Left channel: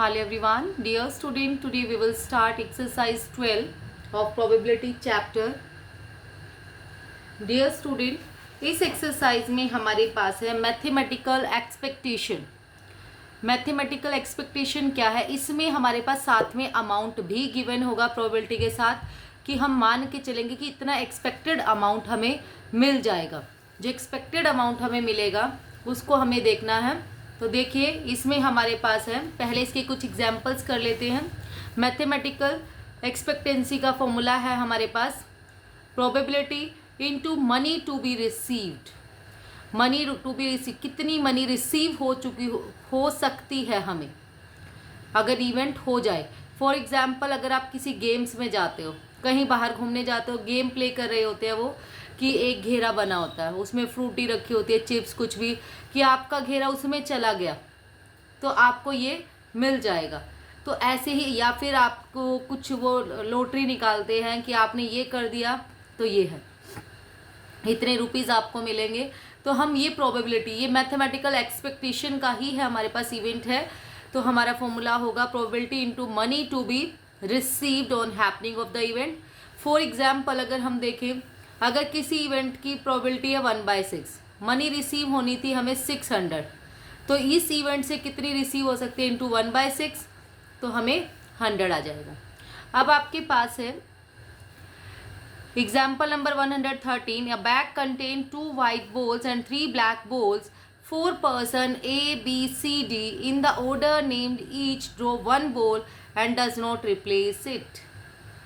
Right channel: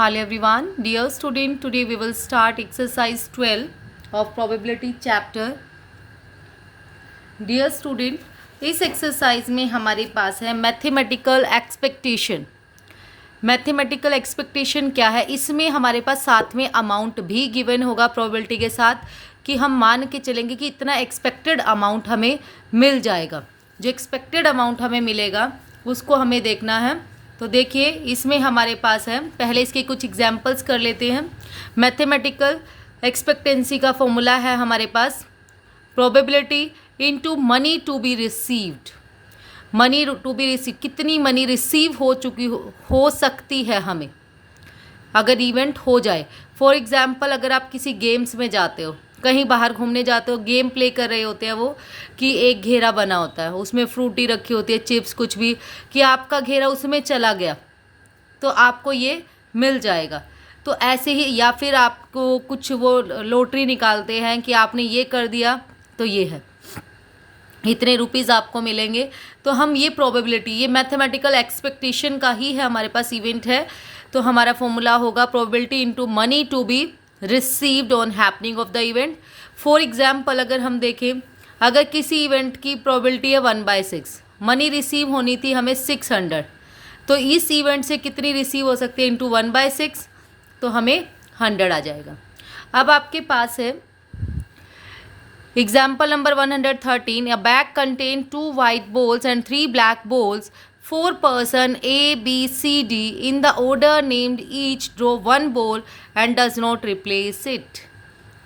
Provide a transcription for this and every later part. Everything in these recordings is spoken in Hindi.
Hello everyone, dear student. Today we will start exercise 12 of probability chapter. Dear student, इस एक्सरसाइज में हमारे पास है मैथमेटिकल एक्सपेक्टेशन. मैथमेटिकल एक्सपेक्टेशन क्या है? इसमें हमारे पास साथ में अमाउंट भी गिवन होगा प्रोबेबिलिटी के साथ कि हम मान के चलेंगे कि इतना एक्सपेक्टेड अमाउंट हमें मिल जाएगा. जो एक्सपेक्टेड अमाउंट हमें मिलेगा उसको हमें देखना है. तो देखिए इसमें हमारे पास है, पहले इसके कुछ एग्जाम्पल्स कर लेते हैं. मैथमेटिकल एक्सपेक्टेंसी का फॉर्मूला है हमारे पास probability into money to be received. Money to be receive, कितनी मनी रिसीव हो सकती है हमें अगर इवेंट हो जाए. फॉर एग्जाम्पल अगर आप किसी गेम्स में जाते हो, कहीं बाहर घूमने जाते हो, गेम प्ले कर रहे होते हैं वो कि एक घेरा बना होता है, उसमें फ्रूटी रखी होती है, चिप्स कुछ भी, कि आपका घेरा उसमें चला गया तो आपको ये मिल जाएगा. तो ऐसे ही, या फिर आपको कुछ वो लॉटरी निकालते हैं कि आपने ये कर दिया तो ये है, इतने रुपीज़ आपको मिलेंगे. तो हम ये प्रोबेबिलिटी, ये मैथमेटिकल एक्सपेक्टेशन का ही है हमारे पास इवेंट है. तो हमारा फॉर्मूला होगा probability into money to be received on happening of the event. For example अगर हम देखें, अगर किसी इवेंट की प्रोबेबिलिटी है 1/6, मनी रिसीव होनी थी हमें 600, तो इस इवेंट से कितनी रिसीव हो सकती है इंटू 1/6, तो हमें 100 आ जाएगा. अब आपके पास है example number 113. A bag contain 2 white balls and 3 black balls. 4 person A, B, C, D in the order named each draw 1 ball and does not replace it.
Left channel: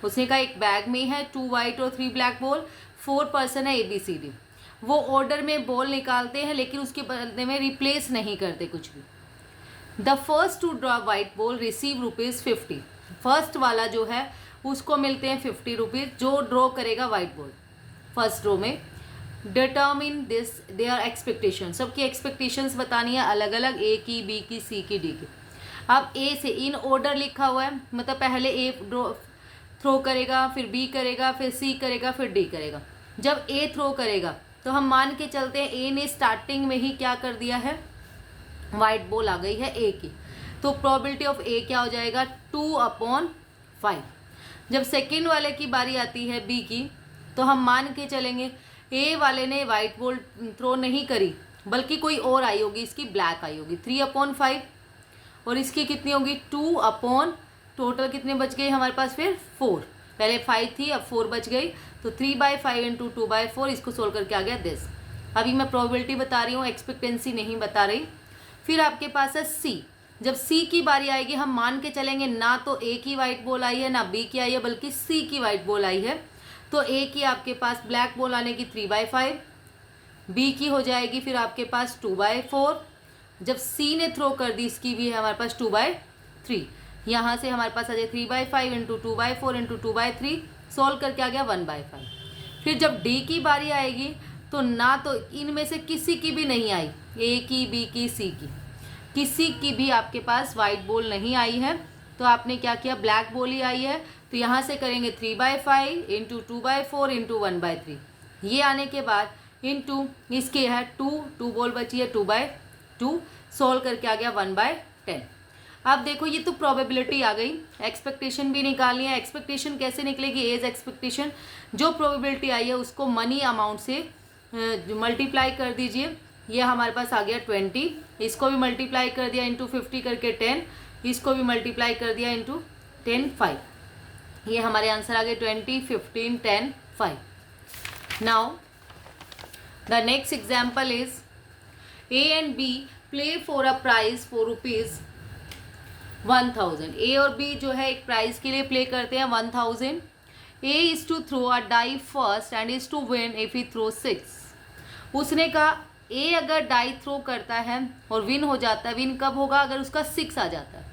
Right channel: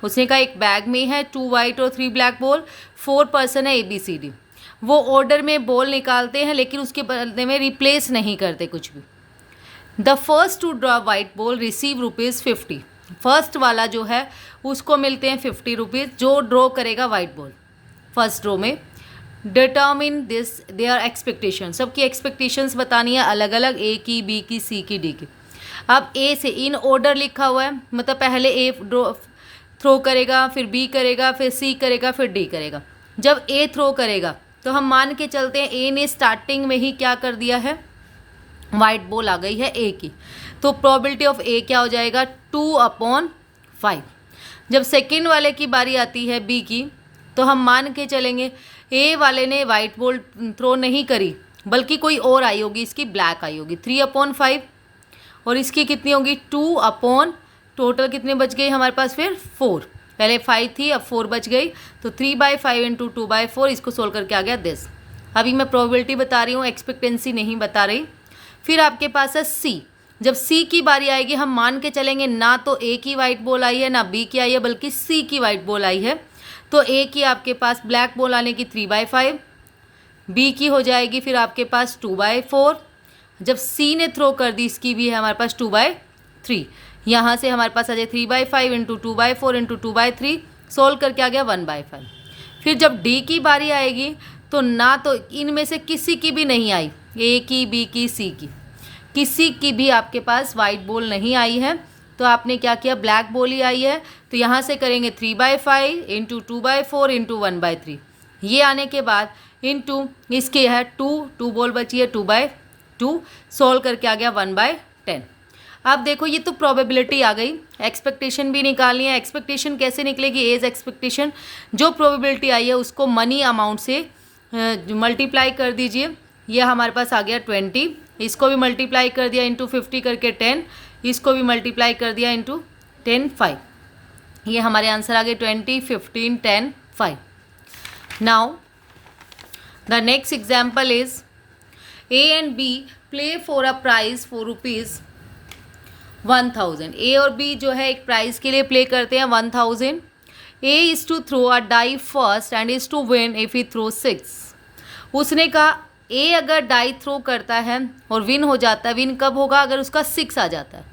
उसने कहा एक बैग में है 2 white और 3 black ball, 4 person है A, B, C, D. वो ऑर्डर में बॉल निकालते हैं लेकिन उसके बदले में रिप्लेस नहीं करते कुछ भी. The first to draw white ball receive ₹50. First वाला जो है उसको मिलते हैं 50 रुपीज़, जो ड्रॉ करेगा वाइट बॉल फर्स्ट ड्रॉ में. डिटर्मिन दिस देयर एक्सपेक्टेशन, सबकी एक्सपेक्टेशंस बतानी है अलग अलग, ए की, बी की, सी की, डी की. अब ए से इन ऑर्डर लिखा हुआ है, मतलब पहले ए ड्रॉ थ्रो करेगा, फिर बी करेगा, फिर सी करेगा, फिर डी करेगा. जब ए थ्रो करेगा तो हम मान के चलते हैं ए ने स्टार्टिंग में ही क्या कर दिया है, वाइट बॉल आ गई है ए की, तो प्रोबेबिलिटी ऑफ ए क्या हो जाएगा 2/5. जब सेकेंड वाले की बारी आती है बी की, तो हम मान के चलेंगे ए वाले ने वाइट बॉल थ्रो नहीं करी बल्कि कोई और आई होगी, इसकी ब्लैक आई होगी, 3/5, और इसकी कितनी होगी 2/, टोटल कितने बच गए हमारे पास फिर 4. पहले 5 थी अब 4 बच गई, तो 3/5 इंटू 2/4, इसको सोल्व करके आ गया दिस. अभी मैं प्रोबेबिलिटी बता रही हूँ, एक्सपेक्टेंसी नहीं बता रही. फिर आपके पास है सी. जब सी की बारी आएगी हम मान के चलेंगे ना तो ए की वाइट बॉल आई है ना बी की आई है, बल्कि सी की वाइट बॉल आई है. तो ए की आपके पास ब्लैक बॉल आने की 3/5, बी की हो जाएगी फिर आपके पास 2/4. जब सी ने थ्रो कर दी, इसकी भी है हमारे पास 2/3. यहाँ से हमारे पास आ जाए 3/5 इंटू 2/4 इंटू 2/3, सोल्व करके आ गया 1/5. फिर जब डी की बारी आएगी तो ना तो इनमें से किसी की भी नहीं आई, ए की, बी की, सी की, किसी की भी आपके पास वाइट बॉल नहीं आई है. तो आपने क्या किया, ब्लैक बॉल ही आई है, तो यहाँ से करेंगे 3/5 इंटू 2/4 इंटू 1/3. ये आने के बाद इंटू इसके है 2 बॉल बची है 2/2, सोल्व करके आ गया 1/10. अब देखो ये तो प्रोबेबिलिटी आ गई, एक्सपेक्टेशन भी निकालनी है. एक्सपेक्टेशन कैसे निकलेगी, एज एक्सपेक्टेशन, जो प्रोबेबिलिटी आई है उसको मनी अमाउंट से मल्टीप्लाई कर दीजिए. ये हमारे पास आ गया 20, इसको भी मल्टीप्लाई कर दिया इंटू 50 करके 10, इसको भी मल्टीप्लाई कर दिया इंटू 10, 5. ये हमारे आंसर आ गए 20, 15, 10, 5. Now the next example is A and B play for a prize for ₹1000. A और बी जो है एक प्राइज के लिए प्ले करते हैं 1000. A is to throw a die first and is to win if he throw 6. उसने कहा ए अगर डाई थ्रो करता है और विन हो जाता है, विन कब होगा, अगर उसका 6 आ जाता है.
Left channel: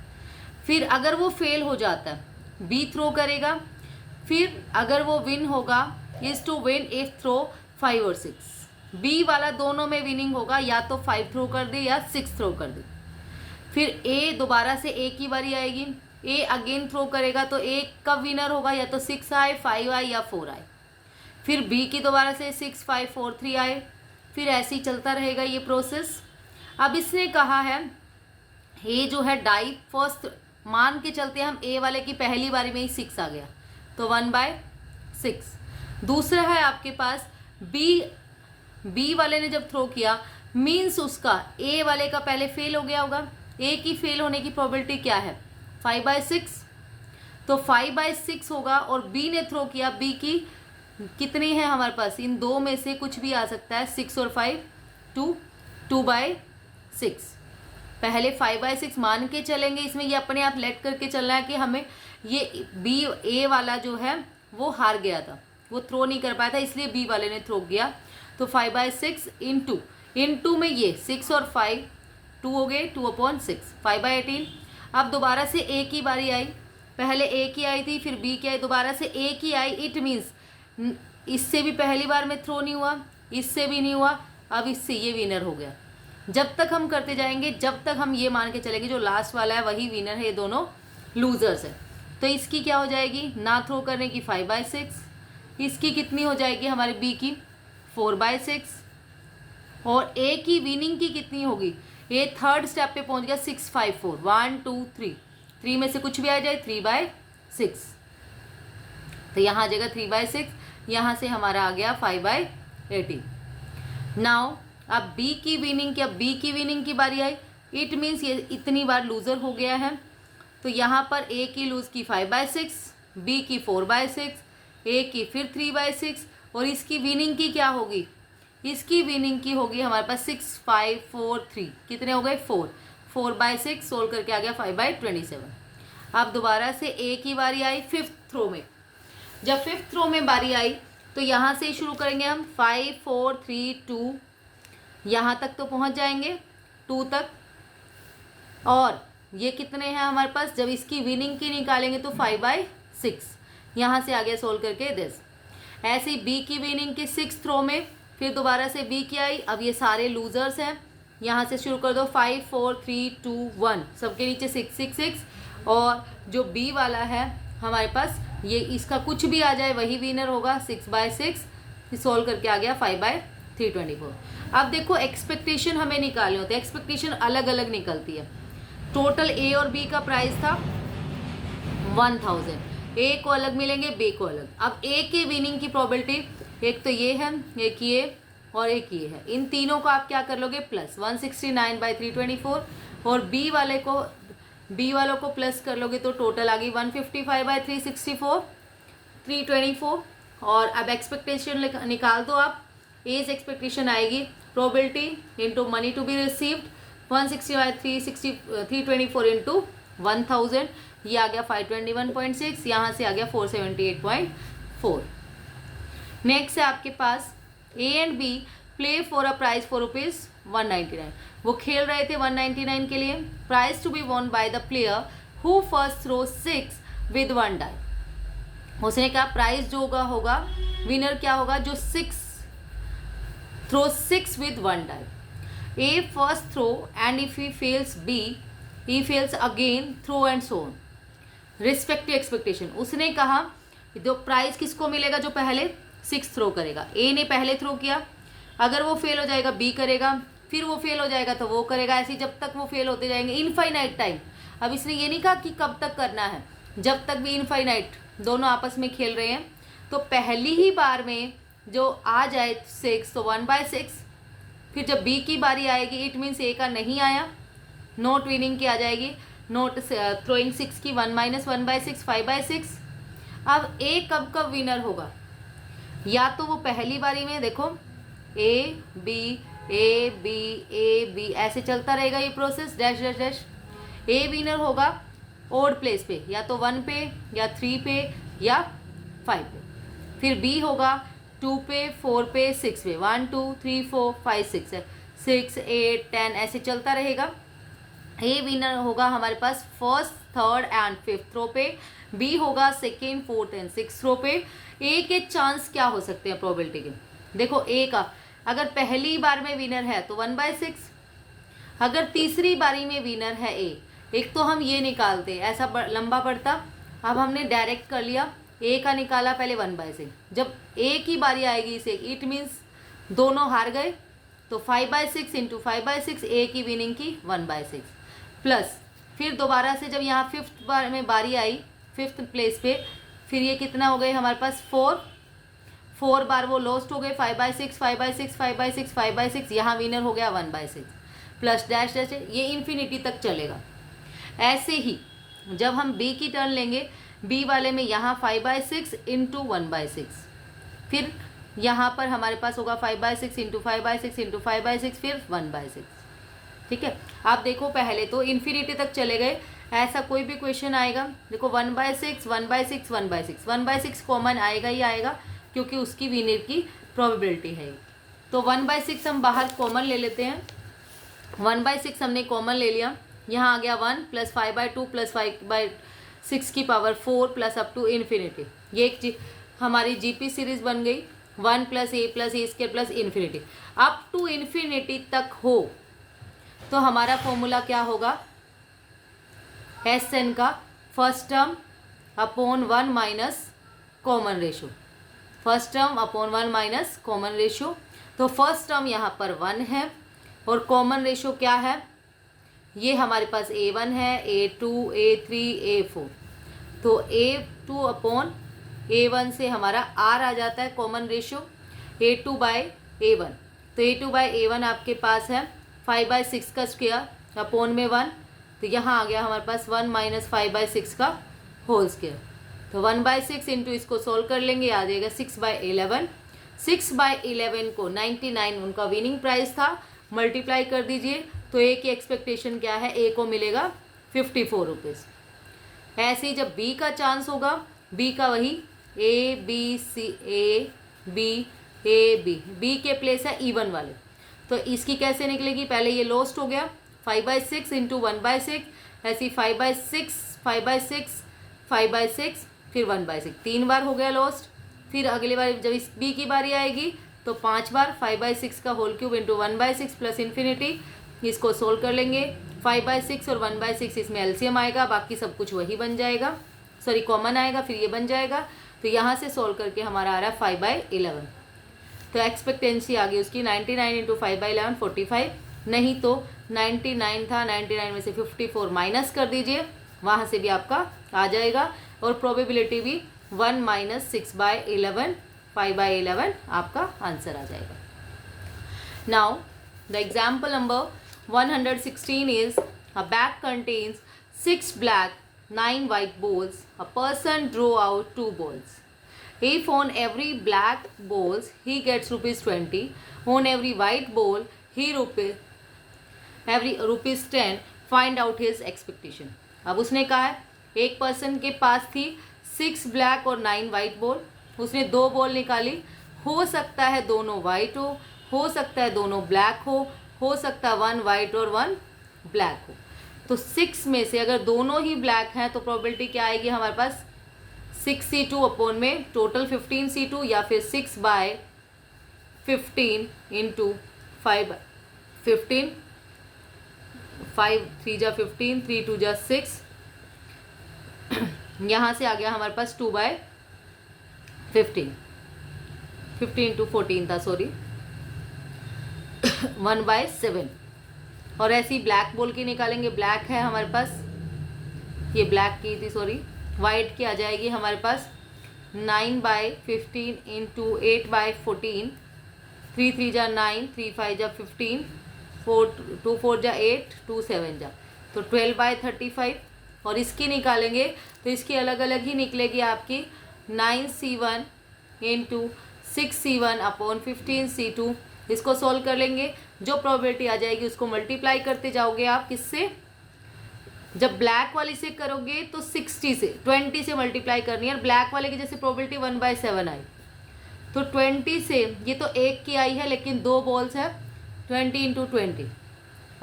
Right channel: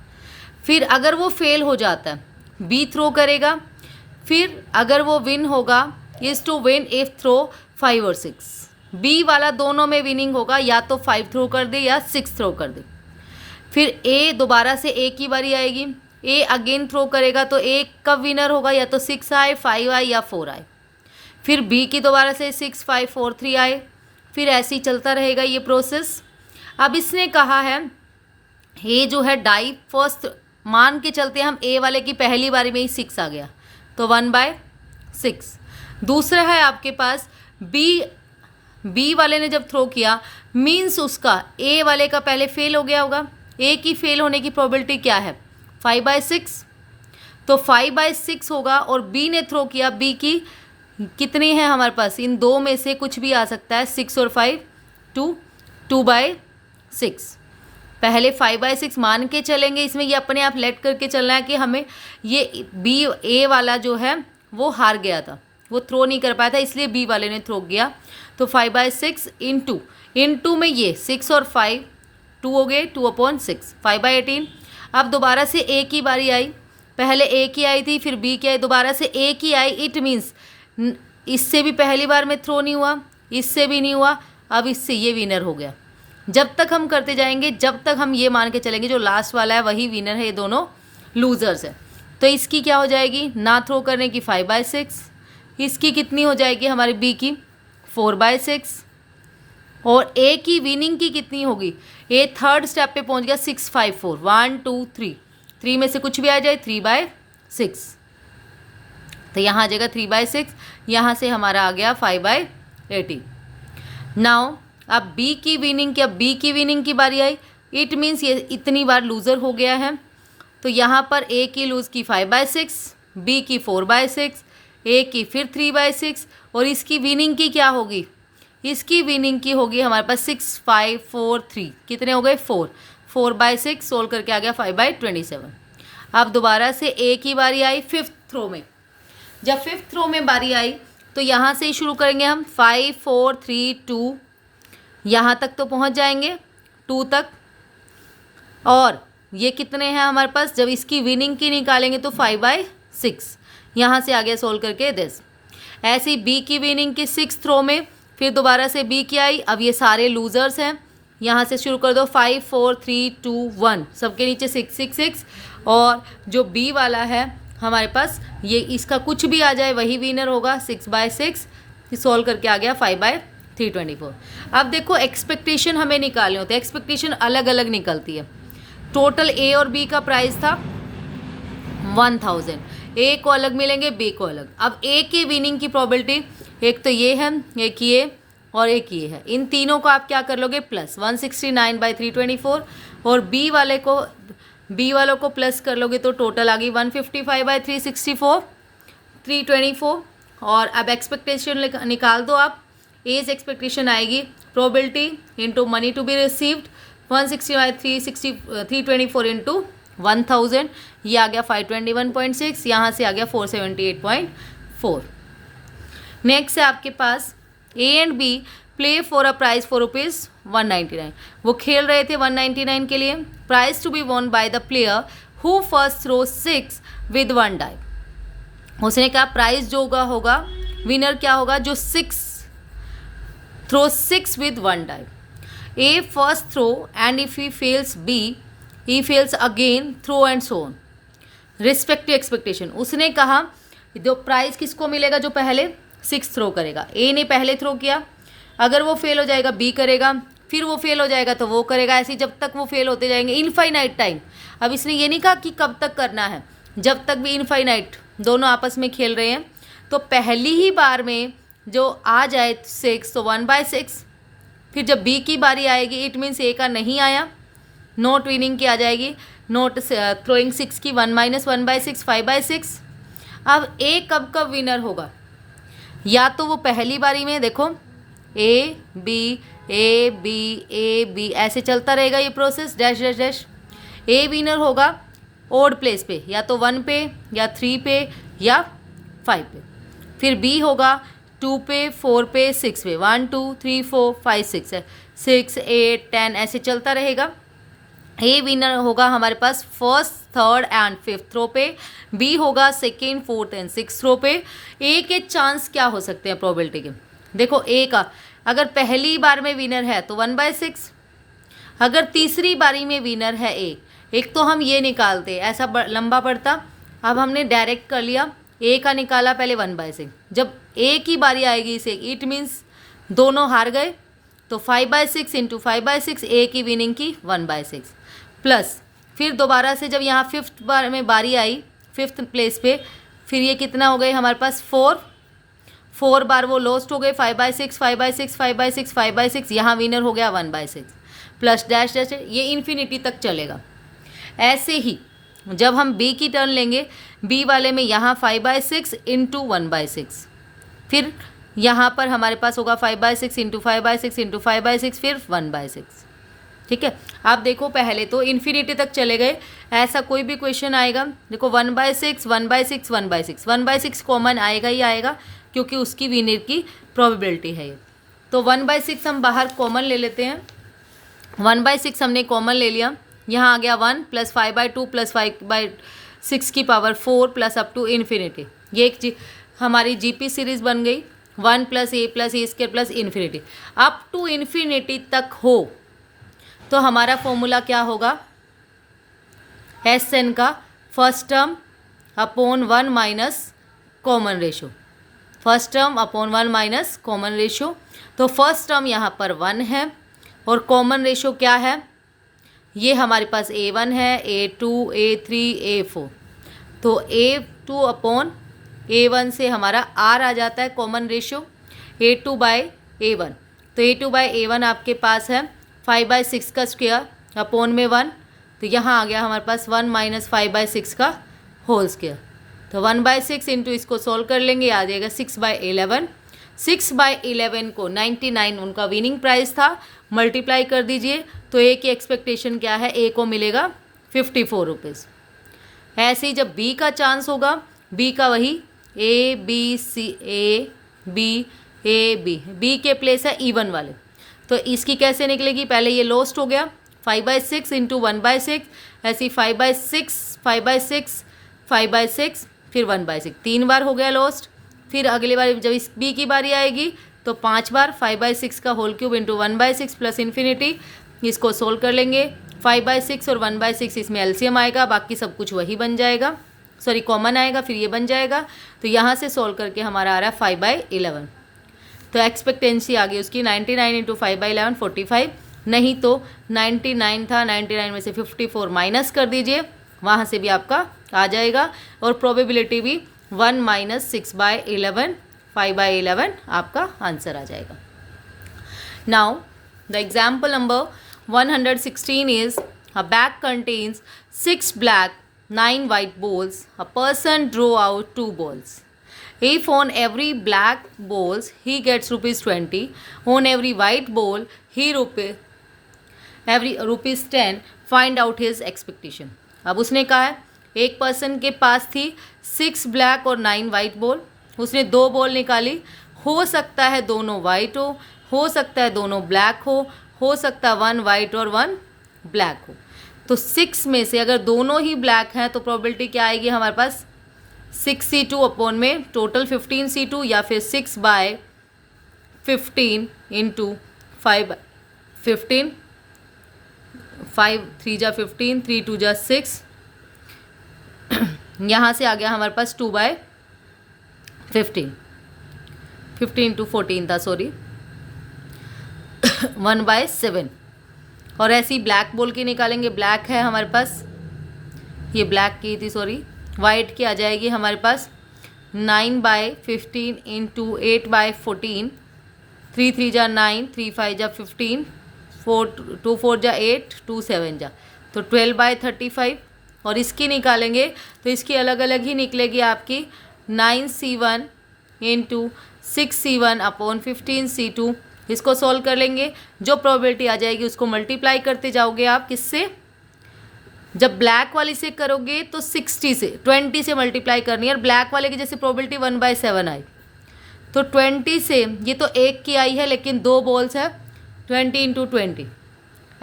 फिर अगर वो फेल हो जाता है बी थ्रो करेगा, फिर अगर वो विन होगा is to win if throw 5 और 6. बी वाला दोनों में विनिंग होगा, या तो 5 थ्रो कर दे या 6 थ्रो कर दे. फिर ए दोबारा से ए की बारी आएगी, ए अगेन थ्रो करेगा, तो ए कब विनर होगा, या तो 6 आए, 5 आए या 4 आए. फिर बी की दोबारा से 6, 5, 4, 3 आए. फिर ऐसे ही चलता रहेगा ये प्रोसेस. अब इसने कहा है ए जो है डाई फर्स्ट मान के चलते हम ए वाले की पहली बारी में ही 6 आ गया, तो 1/6। दूसरा है आपके पास बी वाले ने जब थ्रो किया, मीन्स उसका ए वाले का पहले फेल हो गया होगा। ए की फेल होने की प्रोबेबिलिटी क्या है? 5/6, तो 5/6 होगा। और बी ने थ्रो किया, बी की कितनी है हमारे पास? इन दो में से कुछ भी आ सकता है, 6 और 5, 2/6। पहले 5/6 मान के चलेंगे, इसमें ये अपने आप लेट करके चलना है कि हमें ये बी ए वाला जो है वो हार गया था, वो थ्रो नहीं कर पाया था, इसलिए बी वाले ने थ्रो किया। तो 5/6 इंटू में ये 6 और 5, 2 हो गए, 2/6, 5/18। अब दोबारा से ए की बारी आई, पहले ए की आई थी, फिर बी की आई, दोबारा से ए की आई। इट मीन्स इससे भी पहली बार में थ्रो नहीं हुआ, इससे भी नहीं हुआ, अब इससे ये विनर हो गया। जब तक हम करते जाएंगे, जब तक हम ये मान के चलेंगे जो लास्ट वाला है वही विनर है, ये दोनों लूजर्स है। तो इसकी क्या हो जाएगी? ना थ्रो करने की 5/6, इसकी कितनी हो जाएगी हमारी बी की? 4/6। और ए की विनिंग की कितनी होगी? ए थर्ड स्टेप पे पहुंच गया, 6, 5, 4, 1, 2, 3, 3 में से कुछ भी आ जाए, 3/6। तो यहाँ आ जाएगा 3/6, यहाँ से हमारा आ गया 5/18। नाउ अब बी की विनिंग की, अब बी की विनिंग की बारी आई। इट मीन्स ये इतनी बार लूज़र हो गया है, तो यहाँ पर ए की लूज़ की 5/6, बी की 4/6, ए की फिर 3/6, और इसकी विनिंग की क्या होगी? इसकी विनिंग की होगी हमारे पास 6, 5, 4, 3, कितने हो गए? 4, 4/6 सोल्व करके आ गया 5/27। अब दोबारा से ए की बारी आई फिफ्थ थ्रो में। जब फिफ्थ थ्रो में बारी आई तो यहाँ से ही शुरू करेंगे हम, 5, 4, 3, 2, यहाँ तक तो पहुँच जाएंगे 2 तक। और ये कितने हैं हमारे पास? जब इसकी विनिंग की निकालेंगे तो 5/6, यहाँ से आगे सोल्व करके 10। ऐसे ही बी की विनिंग की 6th थ्रो में, फिर दोबारा से बी की आई। अब ये सारे लूजर्स हैं, यहाँ से शुरू कर दो, 5, 4, 3, 2, 1, सबके नीचे 6, 6, 6। और जो बी वाला है हमारे पास, ये इसका कुछ भी आ जाए वही विनर होगा, 6/6। सॉल्व करके आ गया 5/324। अब देखो एक्सपेक्टेशन हमें निकालने होते हैं, एक्सपेक्टेशन अलग अलग निकलती है। टोटल ए और बी का प्राइस था 1000, ए को अलग मिलेंगे, बी को अलग। अब ए की विनिंग की प्रोबेबिलिटी, एक तो ये है, एक ये और एक ये है, इन तीनों को आप क्या कर लोगे? प्लस 169/324। और बी वालों को प्लस कर लोगे तो टोटल आ गई 155/364, 324। और अब एक्सपेक्टेशन निकाल दो आप। एज एक्सपेक्टेशन आएगी probability into money to be received, 160/324 into 1000, ये आ गया 521.6, यहाँ से आ गया 478.4। नेक्स्ट है आपके पास A and B play for a prize for ₹199। वो खेल रहे थे 199 के लिए। Prize to be won by the player who first throw 6 with 1 die. उसने कहा प्राइज जो होगा विनर क्या होगा? जो 6 विद 1 डाई। A first throw and if he fails, B he fails again throw and so on respective expectation. उसने कहा जो प्राइज किसको मिलेगा? जो पहले 6 थ्रो करेगा। ए ने पहले थ्रो किया, अगर वो फेल हो जाएगा बी करेगा, फिर वो फेल हो जाएगा तो वो करेगा, ऐसे जब तक वो फेल होते जाएंगे इनफाइनाइट टाइम। अब इसने ये नहीं कहा कि कब तक करना है, जब तक भी इनफाइनाइट दोनों आपस में खेल रहे हैं। तो पहली ही बार में जो आ जाए 6 तो 1/6, फिर जब बी की बारी आएगी इट मीन्स ए का नहीं आया, नोट विनिंग की आ जाएगी, नोट थ्रोइंग 6 की 1 - 1/6, 5/6। अब ए कब कब विनर होगा? या तो वो पहली बारी में, देखो ए बी ऐसे चलता रहेगा ये प्रोसेस, डैश डैश डैश। ए विनर होगा ओड प्लेस पे, या तो 1 पे या 3 पे या 5 पे। फिर बी होगा 2 पे, 4 पे, 6 पे, 1 2 3 4 5 6 है, 6 8 10 ऐसे चलता रहेगा। ए विनर होगा हमारे पास first, third and fifth throw पे, बी होगा second, fourth and six throw पे। ए के चांस क्या हो सकते हैं प्रोबेबिलिटी के? देखो ए का अगर पहली बार में विनर है तो 1/6, अगर तीसरी बारी में विनर है ए, एक तो हम ये निकालते ऐसा लंबा पड़ता, अब हमने डायरेक्ट कर लिया, ए का निकाला पहले 1/6। जब ए की बारी आएगी इसे, इट मीन्स दोनों हार गए, तो 5/6 इंटू 5/6, ए की विनिंग की 1/6 प्लस फिर दोबारा से जब यहाँ 5th बार में बारी आई 5th प्लेस पे, फिर ये कितना हो गए हमारे पास 4 बार वो लॉस्ट हो गए 5/6 5/6 5/6 5/6, यहाँ विनर हो गया 1/6 प्लस डैश डैश, ये इन्फिनिटी तक चलेगा। ऐसे ही जब हम बी की टर्न लेंगे, बी वाले में यहाँ 5/6 इंटू 1/6, फिर यहाँ पर हमारे पास होगा 5/6 इंटू 5/6 इंटू 5/6, फिर 1/6। ठीक है, आप देखो पहले तो इन्फिनिटी तक चले गए, ऐसा कोई भी क्वेश्चन आएगा देखो 1/6 1/6 1/6 1/6 कॉमन आएगा ही आएगा, क्योंकि उसकी विनर की प्रोबेबिलिटी है ये। तो 1/6 हम बाहर कॉमन ले लेते हैं, 1/6 हमने कॉमन ले लिया, यहाँ आ गया 1 प्लस 5/2 प्लस 5/6 की power 4 plus up to infinity. ये एक हमारी जीपी सीरीज बन गई, 1 plus a square plus infinity up to infinity तक हो तो हमारा फॉर्मूला क्या होगा, एस एन का first term upon 1 minus common ratio, first term upon 1 minus common ratio. तो फर्स्ट टर्म यहाँ पर 1 है और कॉमन रेशो क्या है, ये हमारे पास a1 है, a2 a3 a4, तो a2 अपॉन a1 से हमारा r आ जाता है कॉमन रेशो, a2/a1, तो a2/a1 आपके पास है 5/6 का स्क्वायर अपॉन में 1, तो यहाँ आ गया हमारे पास 1 माइनस 5/6 का होल स्क्वायर, तो 1/6 इंटू इसको सोल्व कर लेंगे, आ जाएगा 6/11। 6/11 को 99 उनका विनिंग प्राइस था, मल्टीप्लाई कर दीजिए तो ए की एक्सपेक्टेशन क्या है, ए को मिलेगा 54 रुपीज़। ऐसे ही जब बी का चांस होगा, बी का वही ए बी सी बी के प्लेस है इवन वाले, तो इसकी कैसे निकलेगी, पहले ये लॉस्ट हो गया 5/6 इंटू 1/6, ऐसी 5/6 5/6 5/6 फिर 1/6, 3 बार हो गया लॉस्ट। फिर अगली बार जब इस बी की बारी आएगी तो 5 बार 5/6 का whole cube into 1/6 plus infinity, इसको सोल्व कर लेंगे, 5/6 और 1/6 इसमें एलसीएम आएगा, बाकी सब कुछ वही बन जाएगा, सॉरी कॉमन आएगा, फिर ये बन जाएगा, तो यहाँ से सोल्व करके हमारा आ रहा है 5/11। तो एक्सपेक्टेंसी आ गई उसकी 99 इंटू 5/11 45, नहीं तो 99 था, 99 में से 54 माइनस कर दीजिए, वहाँ से भी आपका आ जाएगा, और प्रोबेबिलिटी भी 1 माइनस 6/11 5/11 आपका आंसर आ जाएगा। Now the example number 116 is a bag contains 6 black 9 white balls. A person drew out 2 balls. If on every black balls he gets ₹20, on every white ball he ₹10, find out his expectation. अब उसने कहा है एक पर्सन के पास थी 6 ब्लैक और 9 वाइट बॉल, उसने 2 बॉल निकाली, हो सकता है दोनों वाइट हो सकता है दोनों ब्लैक हो सकता है 1 वाइट और 1 ब्लैक हो। तो 6 में से अगर दोनों ही ब्लैक हैं तो प्रोबेबिलिटी क्या आएगी हमारे पास, 6c2 अपॉन में टोटल 15c2, या फिर 6/15 इंटू 5/15, 5 3 जा 15 3 2 जा 6, यहाँ से आ गया हमारे पास 2/15, 15 इंटू 14 था सॉरी 1/7, और ऐसी ब्लैक बॉल की निकालेंगे, ब्लैक है हमारे पास, ये ब्लैक की थी सॉरी, वाइट की आ जाएगी हमारे पास 9/15 इंटू 8/14, 3 3 जा 9 3 5 जा 15, 2 4 जा 8 2 7 जा, तो 12/35, और इसकी निकालेंगे तो इसकी अलग अलग ही निकलेगी आपकी 9c1 into 6c1 upon 15c2, इसको सॉल्व कर लेंगे, जो प्रोबेबिलिटी आ जाएगी उसको मल्टीप्लाई करते जाओगे आप किससे, जब ब्लैक वाली से करोगे तो 20 से मल्टीप्लाई करनी है, और ब्लैक वाले की जैसे प्रोबेबिलिटी 1/7 आई तो 20 से, ये तो एक की आई है लेकिन 2 बॉल्स है, 20 इंटू 20,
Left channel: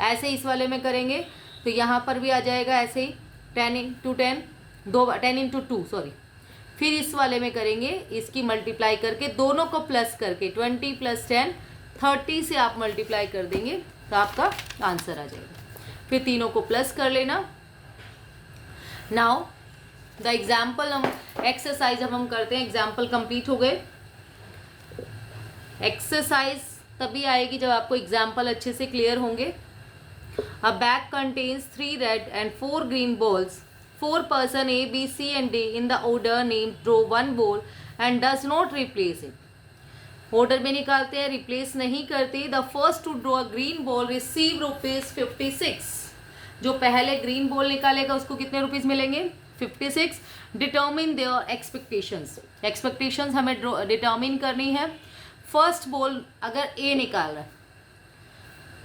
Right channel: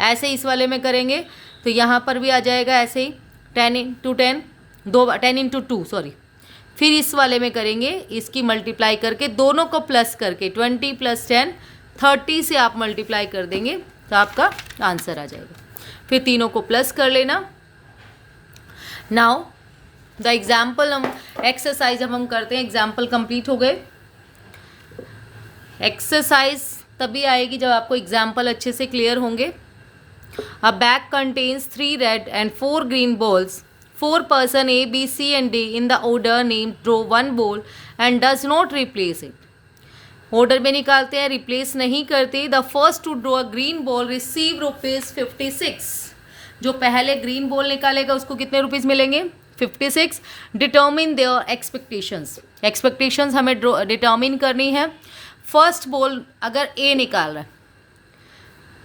ऐसे इस वाले में करेंगे तो यहाँ पर भी आ जाएगा ऐसे ही 10 इंटू 10 10 इंटू 2 सॉरी, फिर इस वाले में करेंगे, इसकी मल्टीप्लाई करके दोनों को प्लस करके 20 + 10 30 से आप मल्टीप्लाई कर देंगे तो आपका आंसर आ जाएगा, फिर तीनों को प्लस कर लेना। नाउ द एग्जाम्पल एक्सरसाइज अब हम करते हैं, एग्जाम्पल कंप्लीट हो गए। एक्सरसाइज तभी आएगी जब आपको एग्जाम्पल अच्छे से क्लियर होंगे। A bag contains 3 red and 4 green balls. 4 person A, B, C and D in the order named draw one ball and does not replace it. Order में निकालते हैं, रिप्लेस नहीं करते. The first to draw a green ball receive ₹56. जो पहले ग्रीन बॉल निकालेगा उसको कितने रुपीज़ मिलेंगे? 56. Determine there expectations. एक्सपेक्टेशंस हमें डिटर्मिन करनी है. फर्स्ट बॉल अगर ए निकाल रहा है,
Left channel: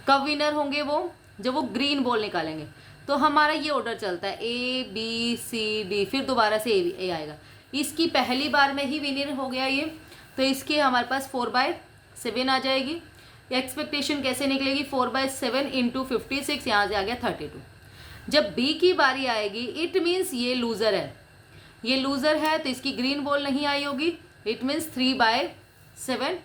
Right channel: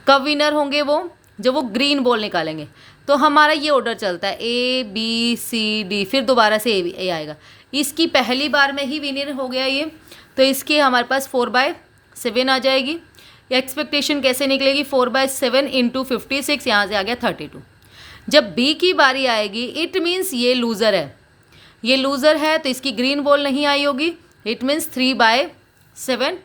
कब विनर होंगे वो? जब वो ग्रीन बॉल निकालेंगे. तो हमारा ये ऑर्डर चलता है ए बी सी डी, फिर दोबारा से ए आएगा. इसकी पहली बार में ही विनर हो गया ये, तो इसकी हमारे पास 4/7 आ जाएगी. एक्सपेक्टेशन कैसे निकलेगी? 4/7 इंटू 56, यहाँ से आ गया 32. जब बी की बारी आएगी, इट मीन्स ये लूज़र है. ये लूज़र है तो इसकी ग्रीन बॉल नहीं आई होगी. इट मीन्स 3/7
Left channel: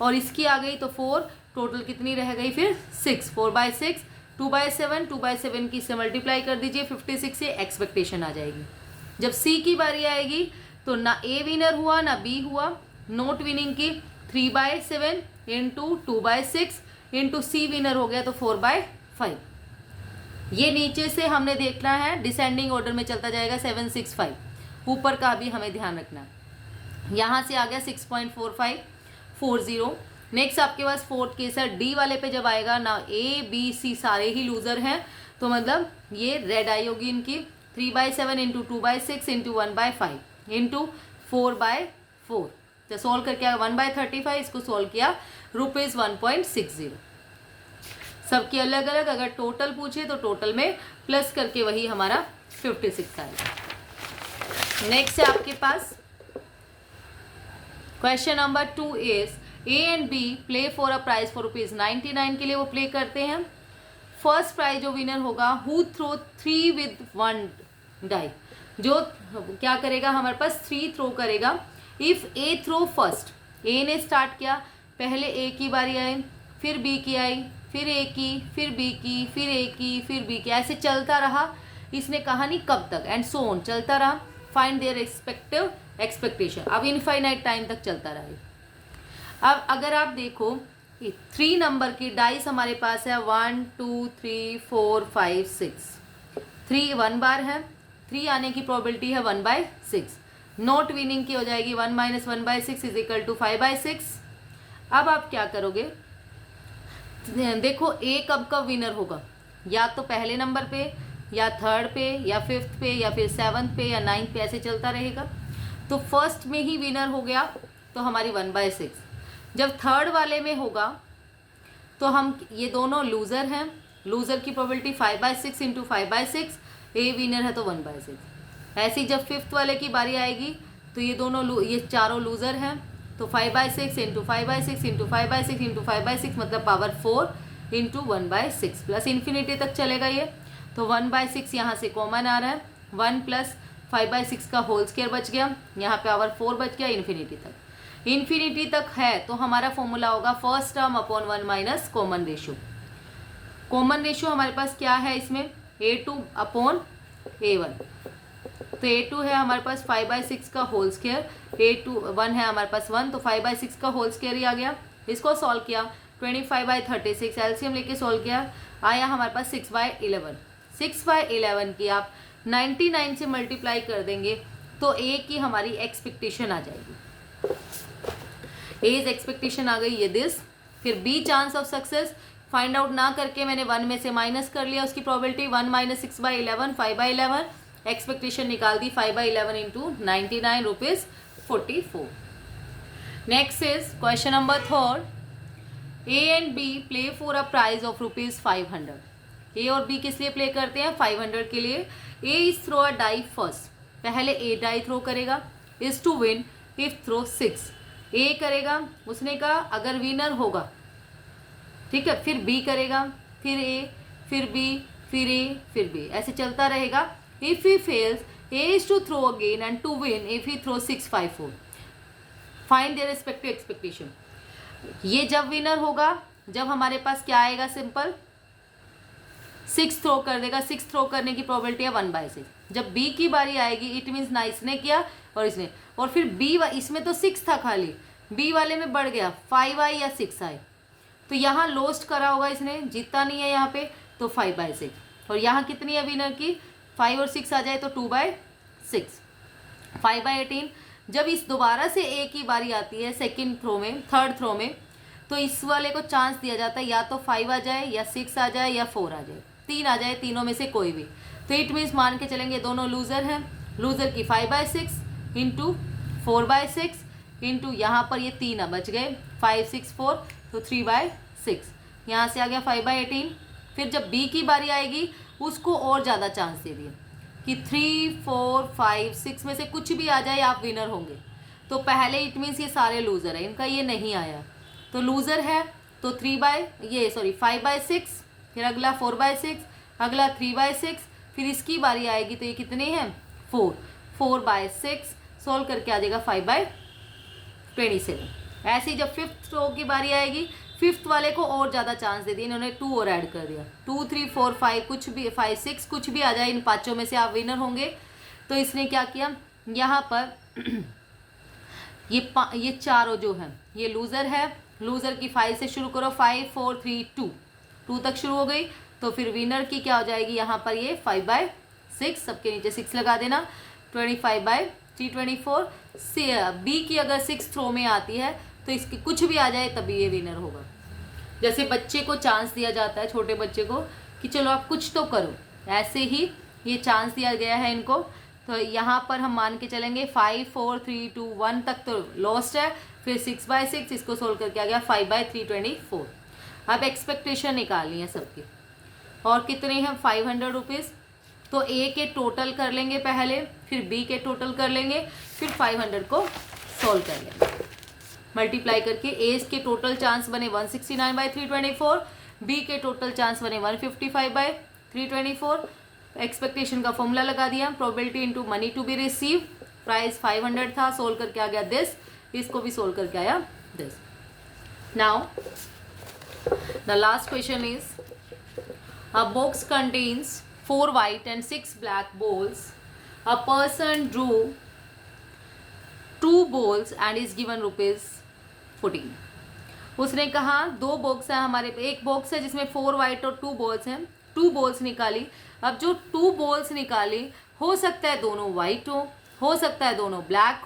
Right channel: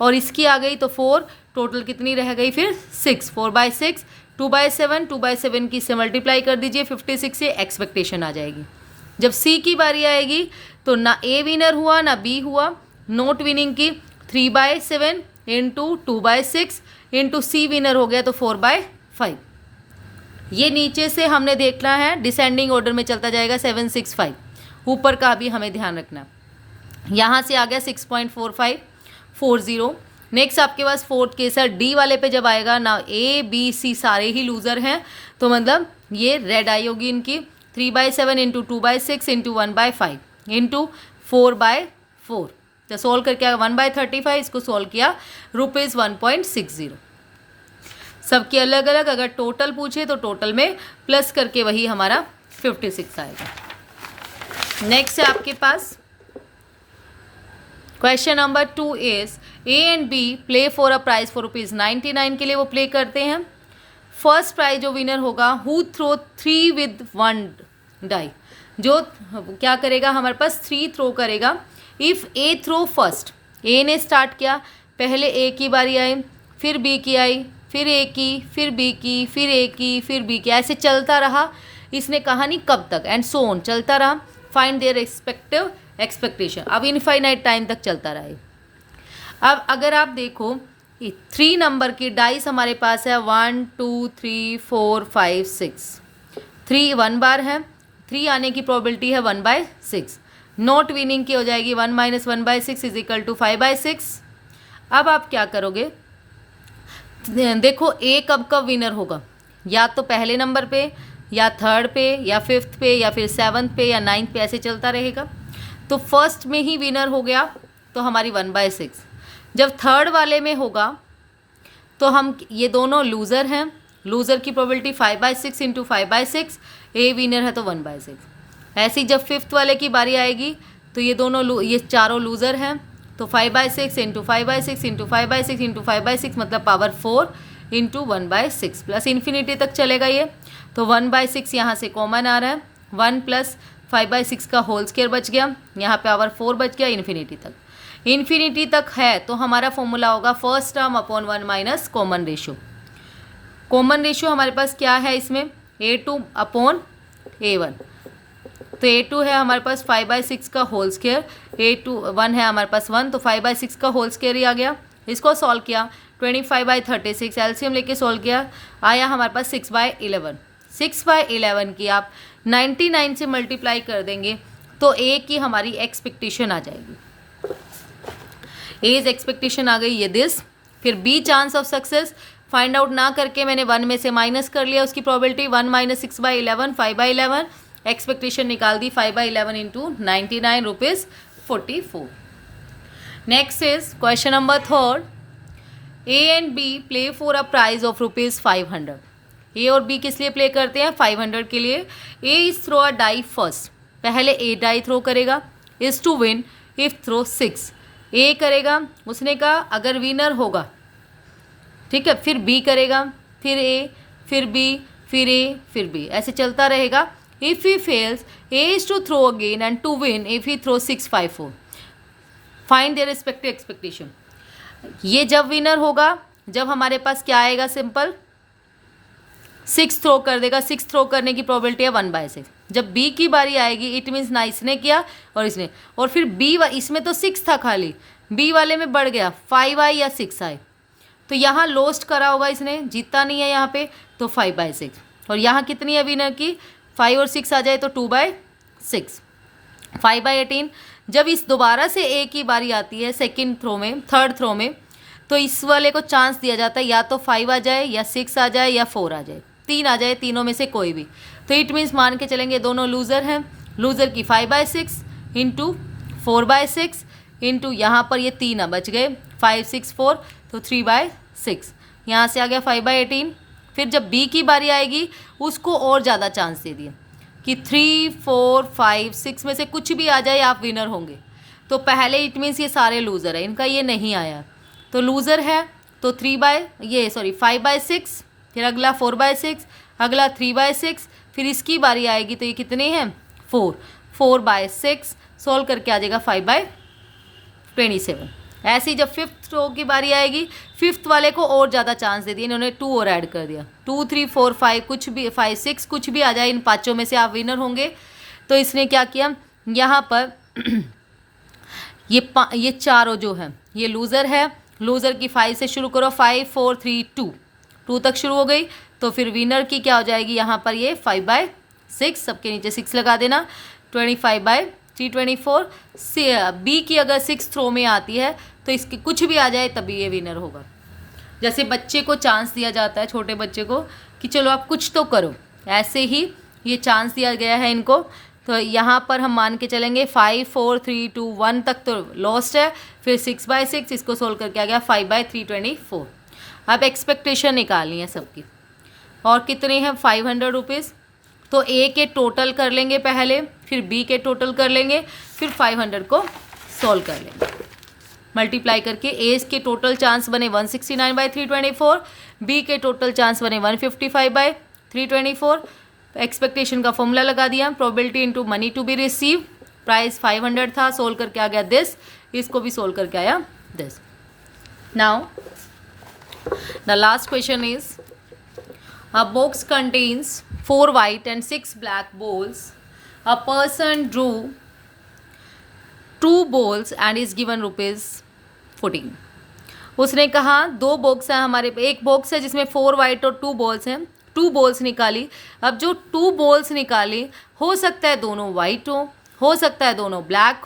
और इसकी आ गई तो 4. टोटल कितनी रह गई फिर? 6. 4/6, 2/7, 2/7 की से मल्टीप्लाई कर दीजिए 56 से, एक्सपेक्टेशन आ जाएगी. जब सी की बारी आएगी तो ना ए विनर हुआ ना बी हुआ. नोट विनिंग की 3/7 इंटू 2/6 इंटू सी विनर हो गया तो 4/5. ये नीचे से हमने देखना है, डिसेंडिंग ऑर्डर में चलता जाएगा 7, 6, 5. ऊपर का भी हमें ध्यान रखना. यहाँ से आ गया 6.4540. नेक्स्ट आपके पास फोर्थ केस है. डी वाले पे जब आएगा ना, ए बी सी सारे ही लूज़र हैं, तो मतलब ये रेड आई होगी इनकी. 3/7 इंटू 2/6 इंटू 1/5 इंटू 4/4. तो सोल्व करके आया 1/35. इसको सोल्व किया ₹1.60. सबकी अलग अलग. अगर टोटल पूछे तो टोटल में प्लस करके वही हमारा 56 आएगा. नेक्स्ट है आपके पास question number 2 is A and B play for a prize for ₹99 के लिए वो प्ले करते हैं. फर्स्ट प्राइज जो विनर होगा, हु थ्रो 3 with 1 डाई, जो क्या करेगा हमारे पास 3 थ्रो करेगा. If A throw first, A ने स्टार्ट किया, पहले ए की बारी आई, फिर बी की आई, फिर ए की, फिर बी की, फिर ए की, फिर बी की, ऐसे चलता रहा. इसने कहा नहीं कब तक, एंड सो ऑन चलता रहा. Find their respective expectation. अब इनफाइनाइट टाइम तक चलता रहे. अब अगर आप देखो 3 नंबर की डाइस हमारे पास है 1 2 3 4 5 6. 3 1 बार है. 3 आने की प्रोबेबिलिटी है 1/6. नोट विनिंग की हो जाएगी 1 - 1/6 इज इक्वल टू 5/6. अब आप क्या करोगे? देखो ए कब कब विनर होगा, या तो पहले नंबर पे, या थर्ड पे, या फिफ्थ पे, या फिर 7th पे, या 9th पे, ऐसे चलता रहेगा. तो फर्स्ट में ही विनर हो गया तो हमारी 1/6. जब थर्ड वाले में होगा तो हम, ये दोनों लूज़र हैं, लूज़र की प्रोबेबिलिटी 5/6 इंटू 5/6. ए विनर है तो 1/6. ऐसे ही जब फिफ्थ वाले की बारी आएगी तो ये दोनों ये चारों लूज़र हैं, तो 5/6 इंटू 5/6 इंटू 5/6 इंटू 5/6 मतलब पावर 4 इंटू 1/6 प्लस इन्फिनिटी तक चलेगा ये. तो 1/6 यहाँ से कॉमन आ रहा है. 1 प्लस 5/6 का होल स्क्वायर बच गया, यहाँ पे पावर 4 बच गया. इन्फिनिटी तक, इन्फिनिटी तक है तो हमारा फॉर्मूला होगा first term upon 1 minus common ratio. Common ratio हमारे पास क्या है इसमें? A2 upon A1. तो A2 है हमारे पास 5/6 का होल स्क्वायर, A2 1 है हमारे पास 1, तो 5/6 का होल स्क्वायर ही आ गया. इसको सॉल्व किया 25/36 एलसीएम लेके सॉल्व किया, आया हमारे पास 6/11. 6/11 की आप 99 से मल्टीप्लाई कर देंगे तो ए की हमारी एक्सपेक्टेशन आ जाएगी. एज एक्सपेक्टेशन आ गई ये दिस. फिर B chance of success find out ना करके मैंने 1 में से माइनस कर लिया उसकी प्रोबेबिलिटी. 1 - 6/11 5/11. एक्सपेक्टेशन निकाल दी 5/11 into 99 ₹44. Next is question number 3. A and B play for a prize of ₹500. A और बी किस लिए प्ले करते हैं? 500 के लिए. A is throw a die first, पहले ए डाई थ्रो करेगा. Is to win if throw 6. A करेगा, उसने कहा अगर विनर होगा, ठीक है, फिर बी करेगा, फिर ए, फिर बी, फिर ए, फिर बी, ऐसे चलता रहेगा. If he fails A is to throw again and to win if he throw 6 5 4. Find their respective expectation. ये जब विनर होगा जब हमारे पास क्या आएगा, सिंपल 6 थ्रो कर देगा. 6 थ्रो करने की प्रोबेबिलिटी है 1/6. जब बी की बारी आएगी इट मीन्स ना इसने किया और इसने, और फिर बी इसमें तो 6 था खाली, बी वाले में बढ़ गया 5 आई या 6 आई, तो यहाँ लोस्ट करा होगा इसने, जीता नहीं है यहाँ पे. तो 5/6। और यहाँ कितनी है विनर की, 5 और 6 आ जाए तो 2/6। 5/18 जब इस दोबारा से ए की बारी आती है सेकंड थ्रो में, थर्ड थ्रो में, तो इस वाले को चांस दिया जाता है या तो 5 आ जाए या 6 आ जाए या 4 आ जाए, 3 आ जाए, तीनों में से कोई भी। तो इट मीन्स मान के चलेंगे दोनों लूज़र हैं। लूज़र की 5/6 इंटू 4/6 इंटू यहाँ पर ये 3 बच गए, 5 6 4, तो 3/6। यहाँ से आ गया 5/18। फिर जब बी की बारी आएगी उसको और ज़्यादा चांस दे दिया कि 3 4 5 6 में से कुछ भी आ जाए आप विनर होंगे। तो पहले इट मीन्स ये सारे लूज़र है, इनका ये नहीं आया तो लूज़र है। तो 5/6, फिर अगला 4/6, अगला 3/6, फिर इसकी बारी आएगी तो ये कितने हैं 4/6, सोल्व करके आ जाएगा 5/27। ऐसे ही जब फिफ्थ रो की बारी आएगी, फिफ्थ वाले को और ज़्यादा चांस दे दिए, इन्होंने 2 और ऐड कर दिया, 2 3 4 5 कुछ भी 5 6 कुछ भी आ जाए, इन पाँचों में से आप विनर होंगे। तो इसने क्या किया यहाँ पर ये चारों जो हैं ये लूज़र है। लूज़र की 5 से शुरू करो, 5 4 3 2 तक शुरू हो गई। तो फिर विनर की क्या हो जाएगी यहाँ पर ये 5/6, सबके नीचे 6 लगा देना, 25/3 24। बी की अगर 6 थ्रो में आती है तो इसकी कुछ भी आ जाए तभी ये विनर होगा। जैसे बच्चे को चांस दिया जाता है, छोटे बच्चे को, कि चलो आप कुछ तो करो, ऐसे ही ये चांस दिया गया है इनको। तो यहाँ पर हम मान के चलेंगे 5 4 3 2 1 तक तो लॉस्ट है, फिर 6/6 इसको सोल्व करके आ गया 5/3 24। अब एक्सपेक्टेशन निकालनी है सबकी, और कितने हैं 500 रुपीज़। तो ए के टोटल कर लेंगे पहले, फिर बी के टोटल कर लेंगे, फिर 500 को सॉल्व कर लेंगे मल्टीप्लाई करके। ए के टोटल चांस बने 169/324, बी के टोटल चांस बने 155/324। एक्सपेक्टेशन का फॉर्मूला लगा दिया, probability into money to be receive, price 500 था, सोल्व करके आ गया दिस, इसको भी सोल्व करके आया this. Now the last question is a box contains 4 white and 6 black balls. A person drew 2 balls and is given ₹14. उसने कहा 2 बॉक्स है हमारे, एक बॉक्स है जिसमें 4 वाइट और 2 बॉल्स हैं, 2 बॉल्स निकाली। अब जो 2 बॉल्स निकाली, हो सकता है दोनों वाइट हो सकता है दोनों ब्लैक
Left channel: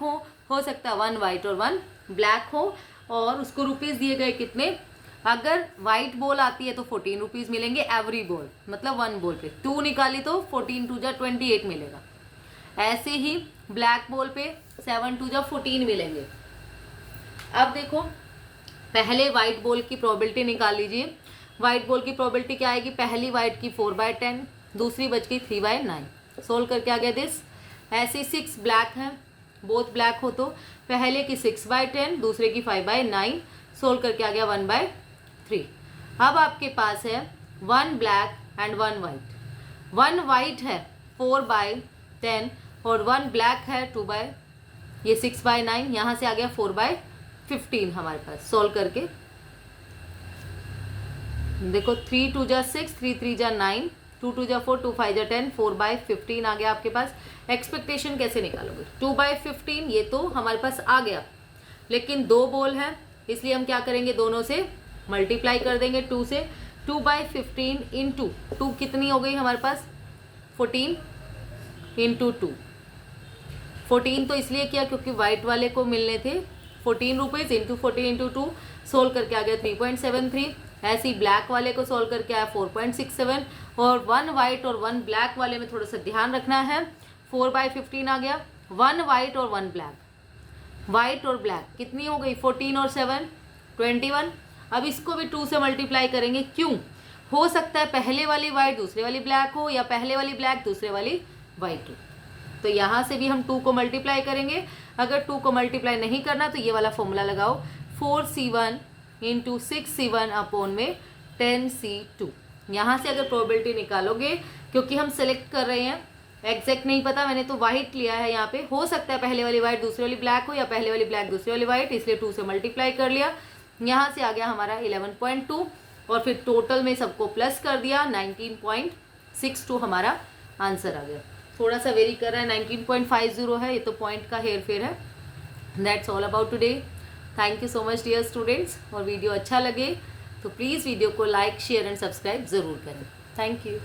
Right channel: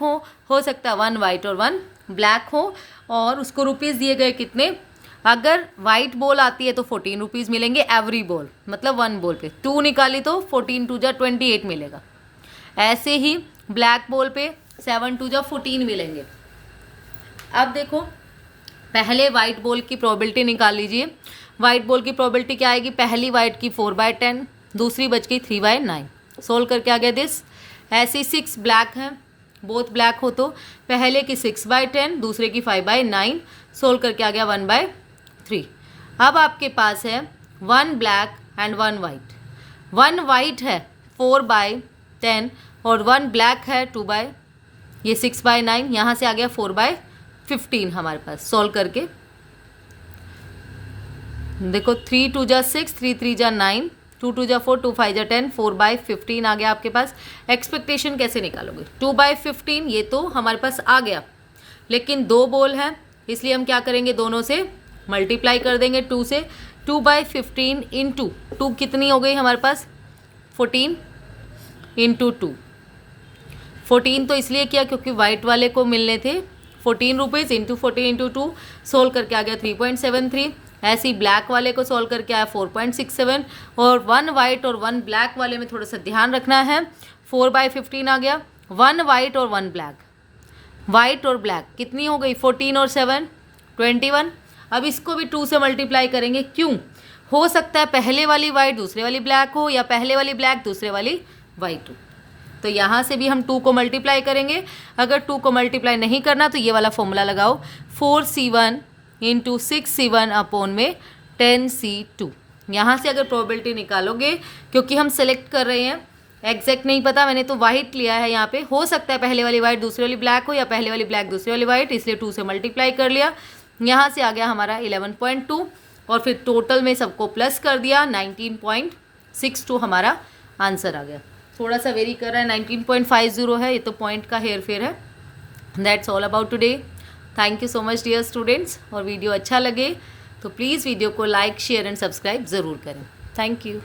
हो सकता है 1 वाइट और 1 ब्लैक हो, और उसको रुपीज़ दिए गए कितने। अगर वाइट बॉल आती है तो 14 रुपीज़ मिलेंगे एवरी बॉल, मतलब 1 बॉल पे 2 निकाली तो 14 2 जा 28 मिलेगा। ऐसे ही ब्लैक बॉल पे 7 2 जा 14 मिलेंगे। अब देखो पहले वाइट बॉल की प्रोबेबिलिटी निकाल लीजिए। वाइट बॉल की प्रोबेबिलिटी क्या आएगी, पहली वाइट की 4/10, दूसरी बच गई 3/9, सोल्व करके आ गया दिस। ऐसे 6 ब्लैक हैं, बोथ ब्लैक हो तो पहले की 6/10, दूसरे की 5/9, सोल्व करके आ गया 1/3। अब आपके पास है 1 ब्लैक एंड 1 वाइट। 1 वाइट है 4/10 और 1 ब्लैक है 6/9, यहाँ से आ गया 4/15 हमारे पास। सॉल्व करके देखो 3 2 जा 6, 3 3 जा 9, 2 2 जा 4, 2 5 जा 10, 4/15 आ गया आपके पास। एक्सपेक्टेशन कैसे निकालोगे, 2/15 ये तो हमारे पास आ गया, लेकिन 2 बॉल हैं इसलिए हम क्या करेंगे, दोनों से मल्टीप्लाई कर देंगे 2 से। 2/15 इंटू 2 कितनी हो गई हमारे पास 14 इंटू 2। 14 तो इसलिए किया क्योंकि वाइट वाले को मिलने थे 14 रुपीज़, इंटू 14 इंटू 2, सोल्व करके आ गया 3.73। ऐसे ही ब्लैक वाले को सॉल्व करके आया 4.67, और 1 वाइट और 1 ब्लैक वाले में थोड़ा सा ध्यान रखना है, 4/15 आ गया। 1 वाइट और 1 ब्लैक, वाइट और ब्लैक कितनी हो गई 14 और 7 21। अब इसको भी 2 से मल्टीप्लाई करेंगे, क्यों, हो सकता है पहले वाली वाइट दूसरे वाली ब्लैक हो, या पहले वाली ब्लैक दूसरे वाली वाइट हो। तो यहाँ से भी हम 2 को मल्टीप्लाई करेंगे। अगर 2 को मल्टीप्लाई नहीं करना तो ये वाला फॉर्मूला लगाओ, 4C1 इंटू 6C1 अपॉन में 10C2। यहाँ से अगर प्रोबेबिलिटी निकालोगे, क्योंकि हम सेलेक्ट कर रहे हैं, एग्जैक्ट नहीं पता, मैंने तो वाइट लिया है यहाँ पे, हो सकता है पहले वाली वाइट दूसरी वाली ब्लैक हो, या पहले वाली ब्लैक दूसरी वाली वाइट, इसलिए 2 से मल्टीप्लाई कर लिया। यहाँ से आ गया हमारा 11.2, और फिर टोटल में सबको प्लस कर दिया, 19.62 हमारा आंसर आ गया। थोड़ा सा वेरी कर रहा है, 19.50 है, ये तो पॉइंट का हेर फेर है। That's all about today. Thank you so much dear students. और वीडियो अच्छा लगे तो प्लीज़ वीडियो को लाइक शेयर एंड सब्सक्राइब ज़रूर करें। Thank you.